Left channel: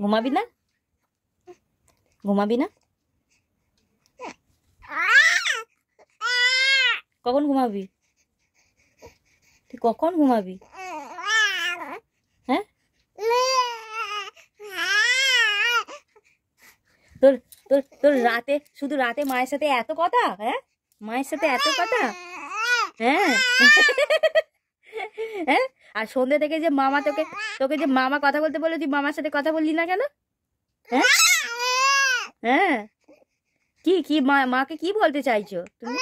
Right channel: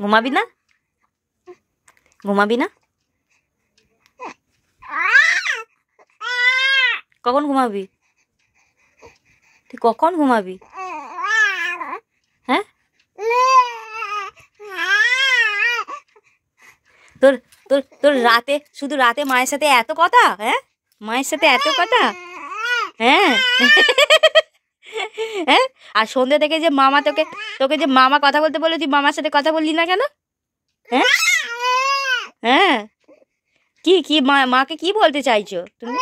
ঘুমাবি না? ঘুমাবি না? কখন ঘুমাবি? তুই কখন ঘুমাবি? হ্যাঁ, তোর তোর তোর রাতে, শুধু রাতে মায়ের সাথে এত কথা? হ্যাঁ, মায়ের সাথে এত কথা? হ্যাঁ। হ্যাঁ, আর সন্ধ্যে থেকে যে মামা তোকে তোকে যে মামা কথা বলতে বলে, তুই মামার সাথে কথা বললি না কেন? হ্যাঁ, হ্যাঁ, কি কি মাকে কি বলতে চাইছো তুমি?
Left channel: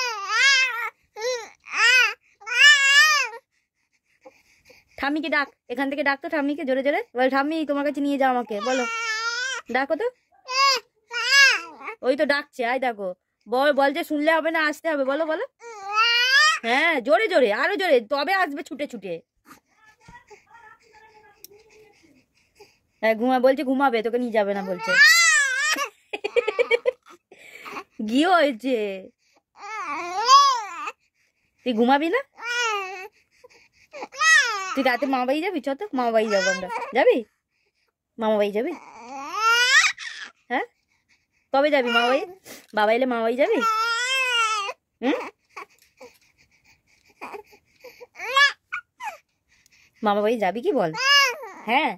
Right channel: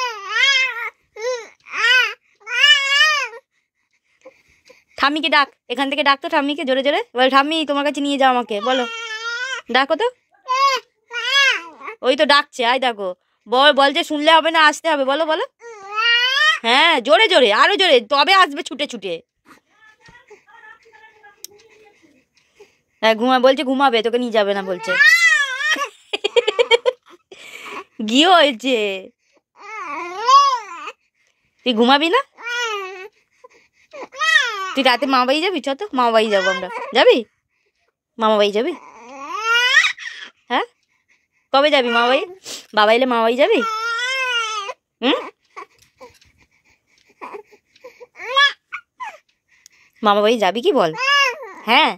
ঠাম্মিকে ডাক, এখান থেকে ডাক তো ঠাম্মিকে জোরে জোরে বল, ঠাম্মি তোমার কাছে নিয়ে যাও আমাকে, বলো, ডাকো তো। ওই তো ডাকছে, আয় দেখো। বল, বল যে শুনলে হবে না, আসতে হবে, বলো বলো। হ্যাঁ, জোরে জোরে, আরো জোরে, তবে আসবে ছুটে ছুটে। হ্যাঁ, বলছে ঘুমাবে, তোকে নিয়ে যাবে না বলছে। কি হয়েছে? তুই ঘুমাবি না? তুই রাতে মামা বাড়ি যাবি? চ তো, মামা বাড়ি যাবো আমরা। যাবি? মামা বাড়ি যাবি? হ্যাঁ, কবে যাবি মামা বাড়ি? বাবা এলে মামা বাড়ি যাবি? হুম, মামা বাড়ি যাবি কি বল? হ্যাঁ।